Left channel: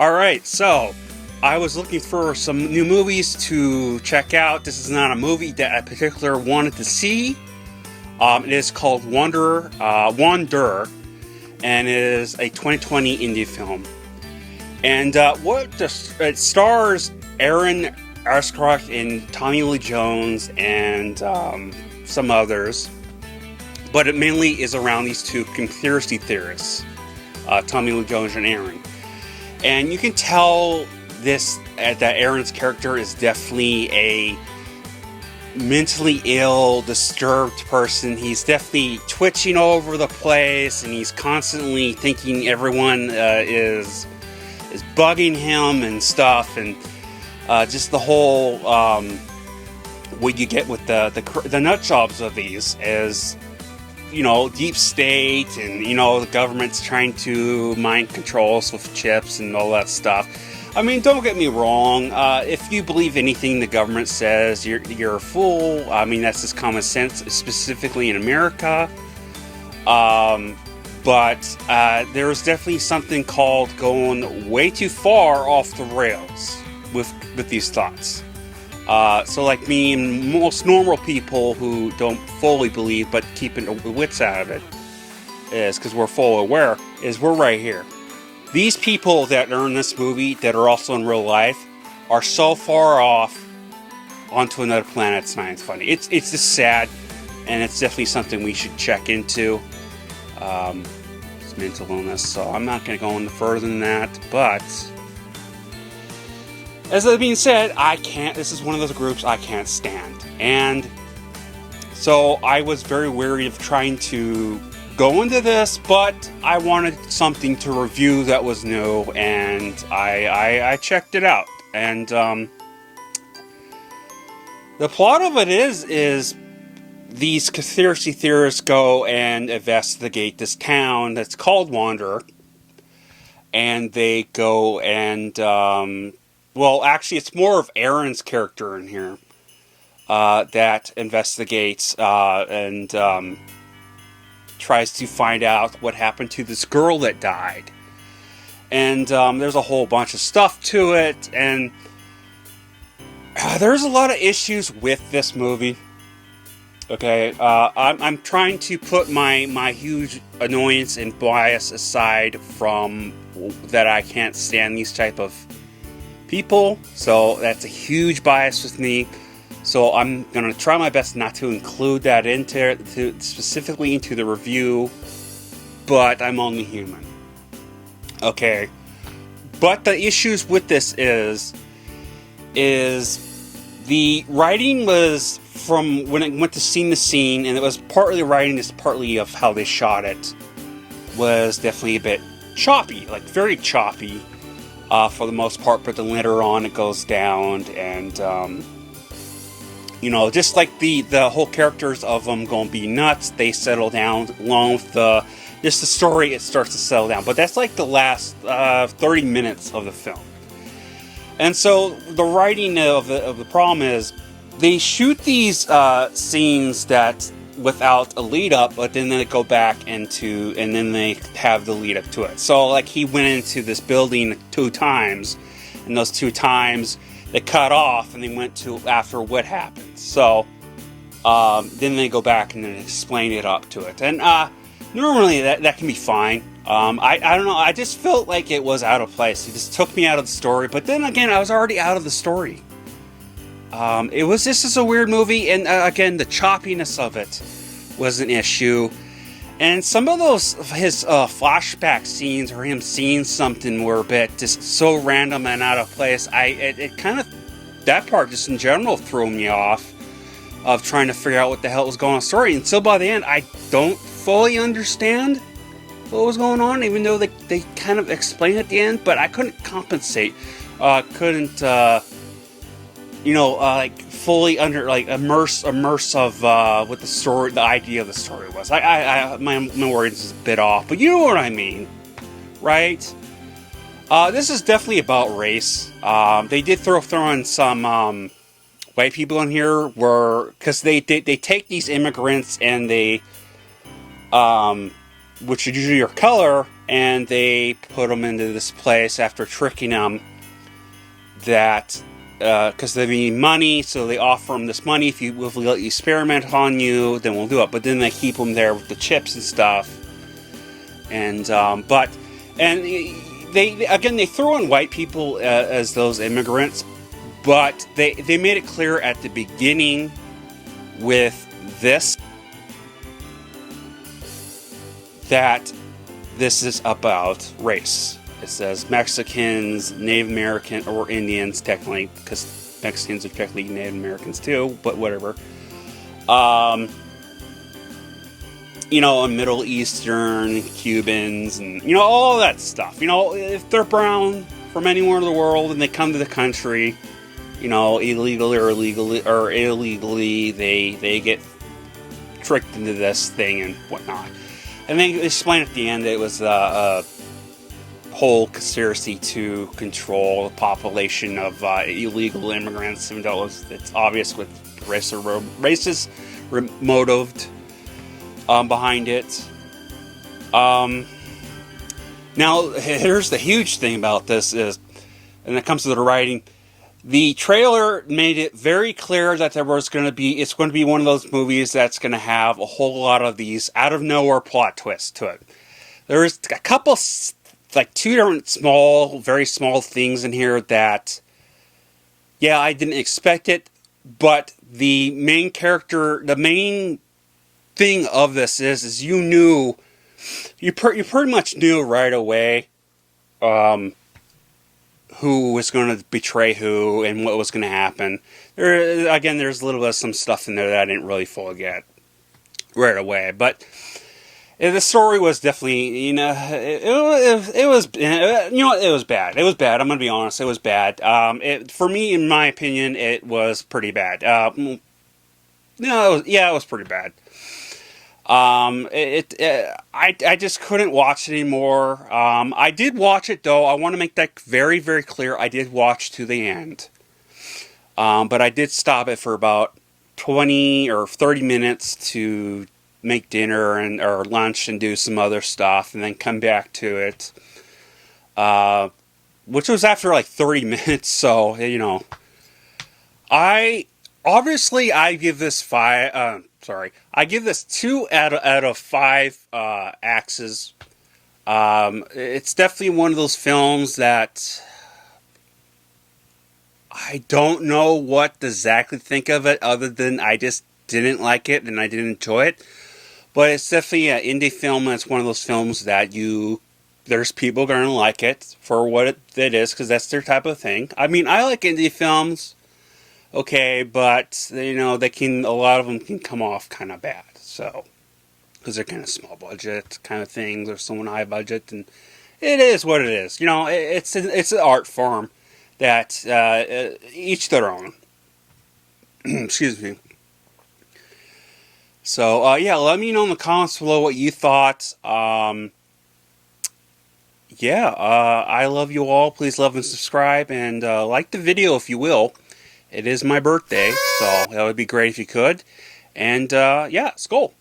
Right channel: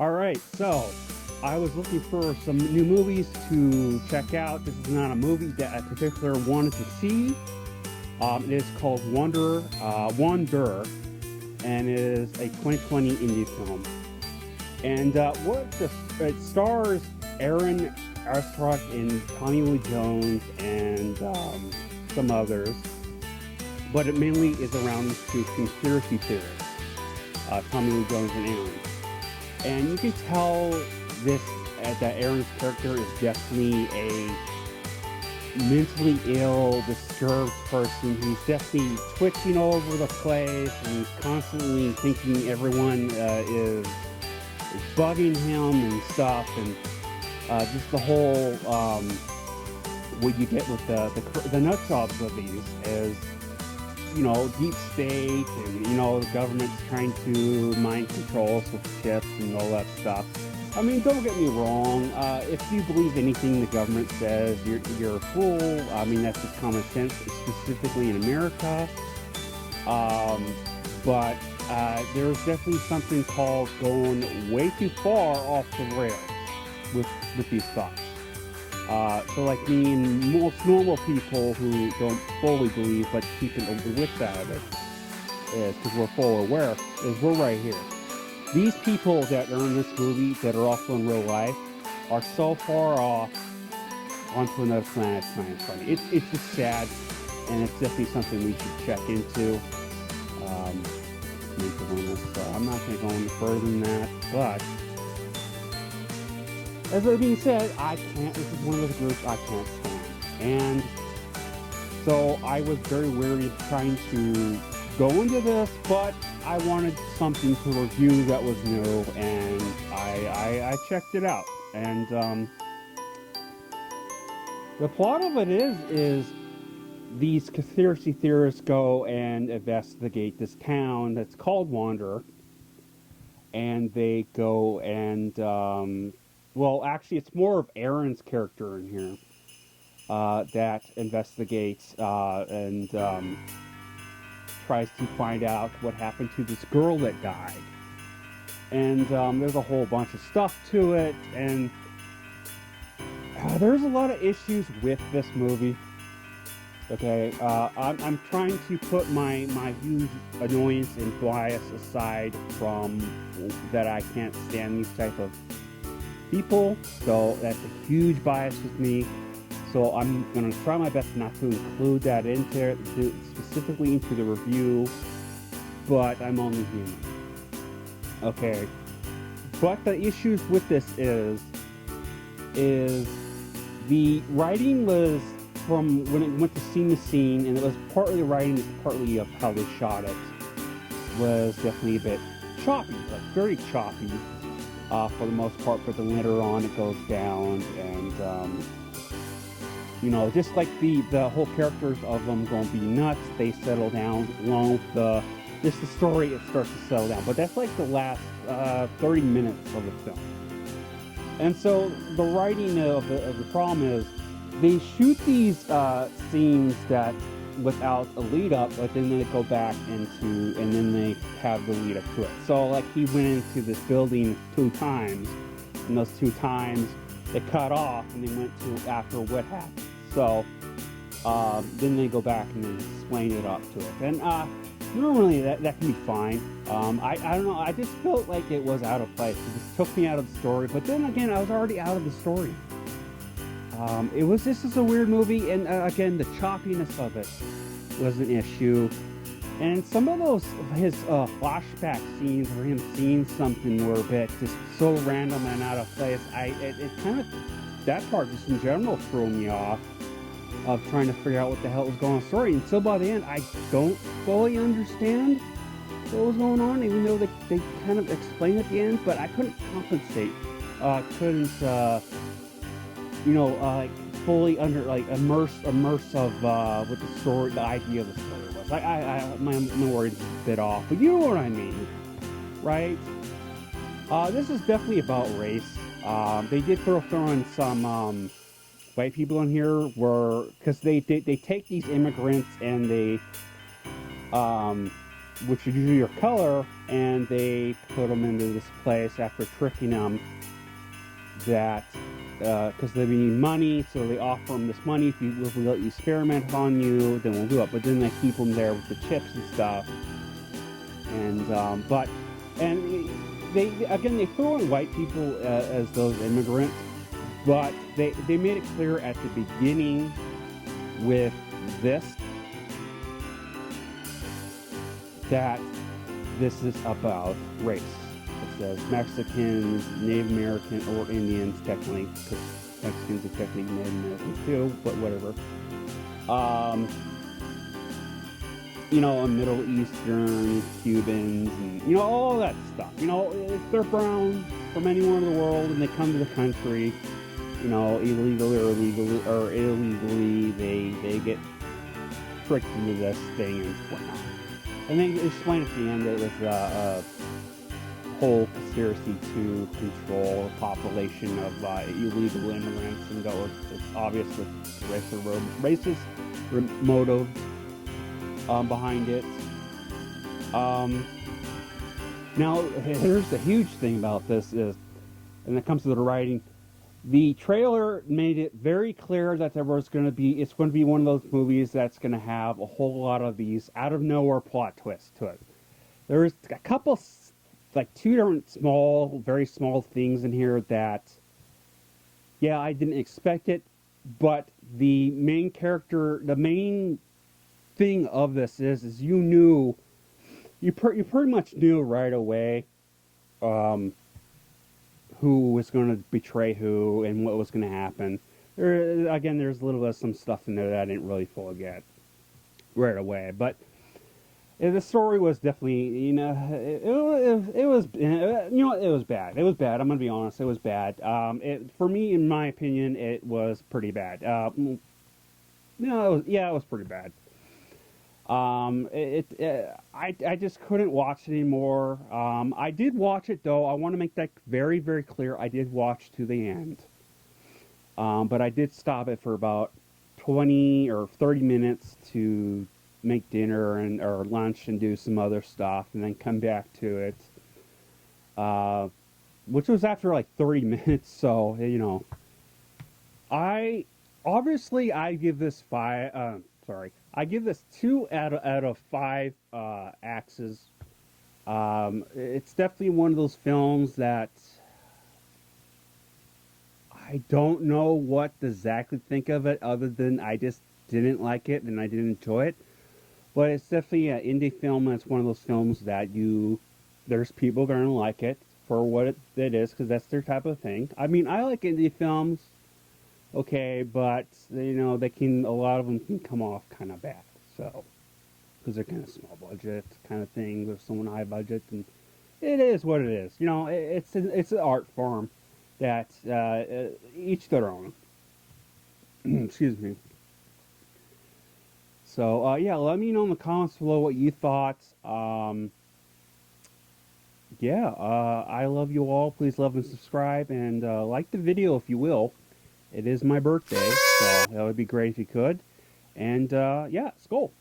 All right, so I was looking for some new movies to check out. This is not a movie that I particularly wanted to see. It is called Wanderer, and it is a 2020 indie film. And it stars Aaron Eckhart and Tommy Lee Jones and some others, but it mainly is around these two conspiracy theorists, Tommy Lee Jones and Aaron. And you can tell that Aaron's character is definitely a mentally ill, disturbed person. He's definitely twitching all over the place, and he's constantly thinking everyone is bugging him and stuff, and just the whole what you get with the nut jobs of these is, deep state, and the government's trying to mind control us with chips and all that stuff. I mean, don't get me wrong. If you believe anything the government says, you're a fool. I mean, that's just common sense, specifically in America. But there's definitely something called going way too far off the rails with these thoughts. So like me and most normal people who don't fully believe but keeping the wits out of it, is because we're fully aware, is we're right here. These people that are in this movie that are also in real life are so far off onto another planet, it's not even funny. It's just sad, and it's definitely something we should check into. It's mental illness, so I'm not going to go any further than that, but as that being said, this is one of those groups I can't stand. And so I was very wary of trying to go into this, but I wanted something to review that was new, and I checked it out. And the plot of it is these conspiracy theorists go and investigate this town that's called Wanderer, and they go and well, actually, it's more of Aaron's character in here that investigates and tries to find out what happened to this girl that died. And there's a whole bunch of stuff to it, and there's a lot of issues with this movie. Okay, I'm trying to put my huge annoyance and bias aside from that I can't stand these type of people, so that's a huge bias with me. So I'm gonna try my best not to include that specifically into the review, but I'm only human. Okay, but the issues with this is the writing was, from when it went to scene to scene, and it was partly writing, it's partly of how they shot it, was definitely a bit choppy, like very choppy. For the most part, but then later on it goes down, and just like the whole characters of them gonna be nuts, they settle down along with the story. It starts to settle down, but that's like the last 30 minutes of the film. And so the writing of the problem is they shoot these scenes that without a lead up, but then they go back and then they have the lead up to it. So like he went into this building 2 times, and those 2 times they cut off and they went to after what happened. So then they go back and then explain it up to it. And normally that can be fine. I don't know, I just felt like it was out of place. It just took me out of the story, but then again, I was already out of the story. It was just a weird movie, and again, the choppiness of it was an issue. And some of his flashback scenes, or him seeing something, were a bit just so random and out of place. That part just in general threw me off of trying to figure out what the hell was going on in the story. Until by the end, I don't fully understand what was going on, even though they kind of explained at the end, but I couldn't compensate. Like fully immerse of what the story, the idea of the story was. My words is a bit off, but you know what I mean, right? This is definitely about race. They did throw in some white people in here, because they take these immigrants and they, which are usually your color, and they put them into this place after tricking them that because they need money, so they offer them this money. If we let you experiment on you, then we'll do it. But then they keep them there with the chips and stuff. And they throw in white people as those immigrants, but they made it clear at the beginning with this that this is about race. It says Mexicans, Native American, or Indians, technically, because Mexicans are technically Native Americans too, but whatever. And Middle Eastern, Cubans, and, all that stuff. If they're brown from anywhere in the world and they come to the country, illegally or illegally, they get tricked into this thing and whatnot. And they explain at the end that it was a whole conspiracy to control the population of illegal immigrants, even though it's obvious with racist motive behind it. Now, here's the huge thing about this is, and it comes to the writing, the trailer made it very clear that it's going to be one of those movies that's going to have a whole lot of these out of nowhere plot twists to it. There's a couple, like 2 different very small things in here that, yeah, I didn't expect it, but the main thing of this is you pretty much knew right away who was going to betray who and what was going to happen. There's a little bit of some stuff in there that I didn't really fully get right away, but the story was definitely, it was bad. It was bad. I'm going to be honest. It was bad. For me, in my opinion, it was pretty bad. It was pretty bad. I just couldn't watch it anymore. I did watch it though. I want to make that very, very clear. I did watch to the end. But I did stop it for about 20 or 30 minutes to make dinner or lunch and do some other stuff and then come back to it. Which was after like 30 minutes. So, I give this 5, I give this 2 out of 5 axes. It's definitely one of those films that I don't know what to exactly think of it, other than I just didn't like it and I didn't enjoy it. But it's definitely an indie film, and it's one of those films that there's people going to like it for what it is, because that's their type of thing. I mean, I like indie films. Okay, but a lot of them can come off kind of bad, so, because they're kind of small budget kind of things, or someone high budget, and it is what it is. It's an art form that each their own. Excuse me. So let me know in the comments below what you thought. I love you all. Please love and subscribe, and like the video if you will. It is my birthday, so that would be great if you could. And, Skol.